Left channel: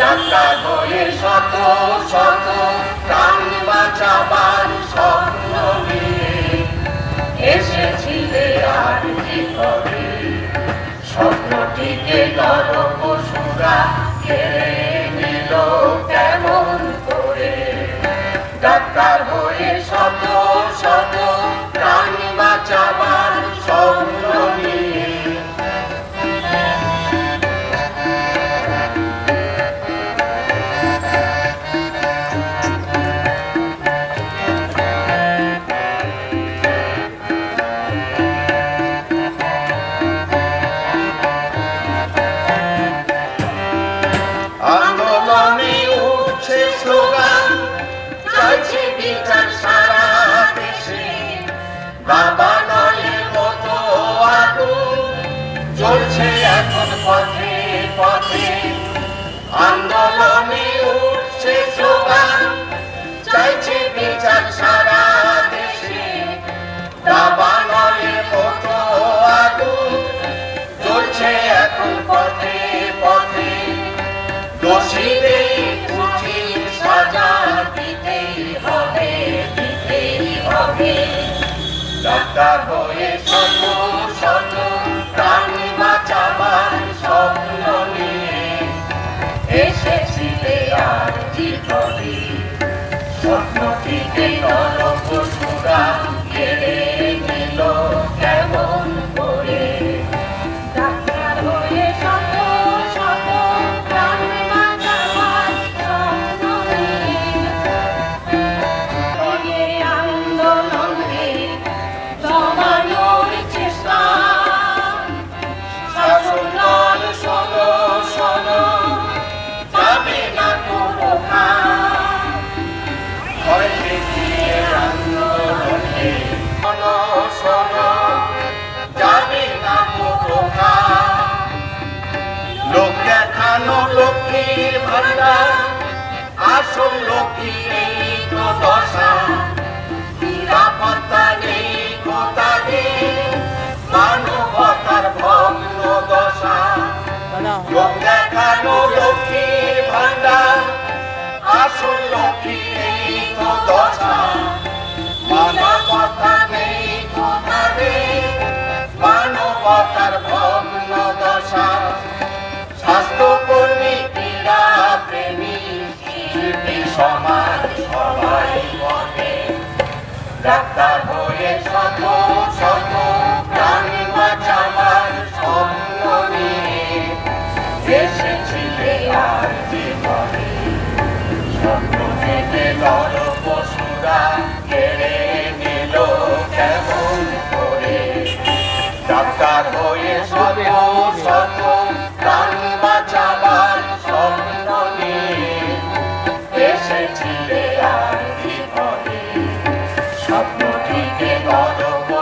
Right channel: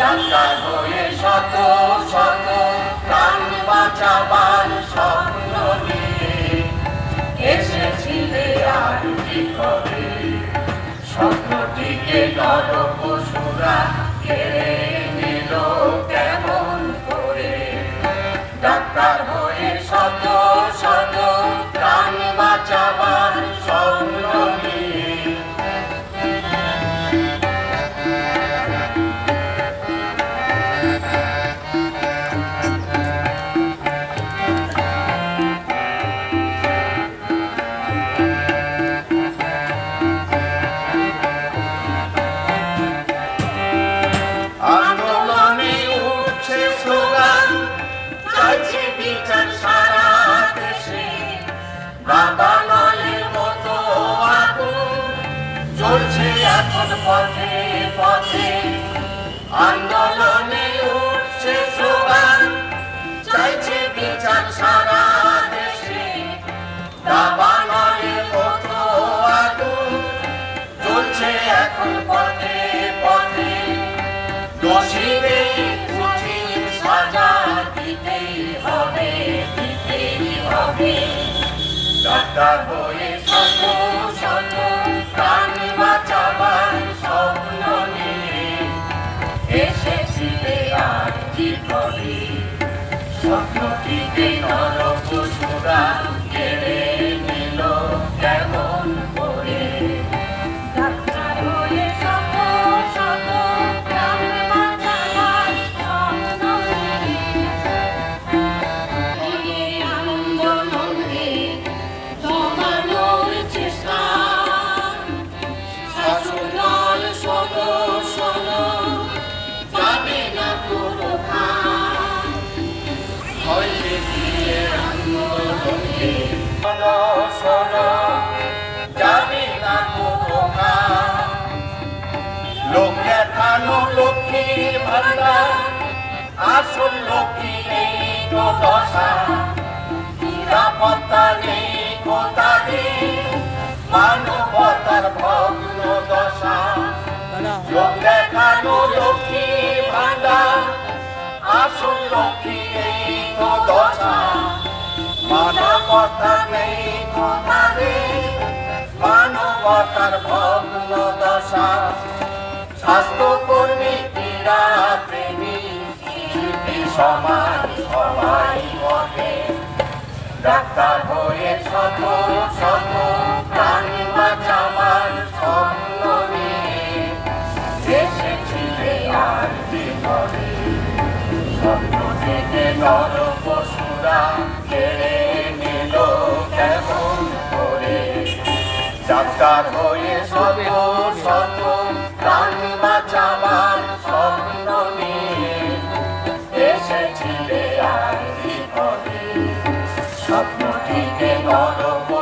Doctor হয়ে শত শত প্রাণ বাঁচাবার স্বপ্ন নিয়ে এসেছিলে আর কি করে, স্বপ্নটিকে নরপশুরা কেড়ে নিল কেমন করে। ডাক্তার হয়ে শত শত প্রাণ বাঁচাবার স্বপ্ন নিয়ে আন্দোলনে উঠছে স্লোগান, চাইছে বিচার সারা দেশে। বাবা নয়ের মতো আগুন জ্বলছে এখন পথে পথে। আন্দোলনে উঠছে স্লোগান, চাইছে বিচার সারা দেশে। বাবা নয়ের মতো আগুন জ্বলছে এখন পথে পথে। দোষীদের উচিত সাজা দিতেই হবে, দিতেই হবে। ডাক্তার হয়ে শত শত প্রাণ বাঁচাবার স্বপ্ন নিয়ে এসেছিলে আর কি করে, স্বপ্নটিকে নরপশুরা কেড়ে নিল কেমন করে। ডাক্তার হয়ে শত শত প্রাণ বাঁচাবার স্বপ্ন নিয়ে আন্দোলনকে দমানোর চেষ্টা। শাসক দল শোনো শোনো, যাবে না কোনো কাজ। হয়েছে গিয়ে আন্দোলনকে শোনো শোনো, যাবে না কোনো কাজ। লোক দেখানো লক্ষ্মীর ভান্ডার, আসল লক্ষ্মী নেই তো দশা। নিরাপত্তা নেই তাদের, মানবতার ভগ্ন দশা। লোক দেখানো লক্ষ্মীর ভান্ডার, আসল লক্ষ্মী নেই তো দশা। মানবতা নেই তাদের, মানবতার ভগ্ন দশা। স্বাস্থ্যকর্মী, ক্রীড়া প্রেমী, শিল্পী সমাজ সবাই পথে। ডাক্তার হয়ে শত শত প্রাণ বাঁচাবার স্বপ্ন নিয়ে এসেছিলে আর কি করে, স্বপ্ন থেকে নরপশুরা কেড়ে নিল কেমন করে। ডাক্তার হয়ে শত শত প্রাণ বাঁচাবার স্বপ্ন নিয়ে এসেছিলে আর কি করে, স্বপ্নটিকে নরপশুরা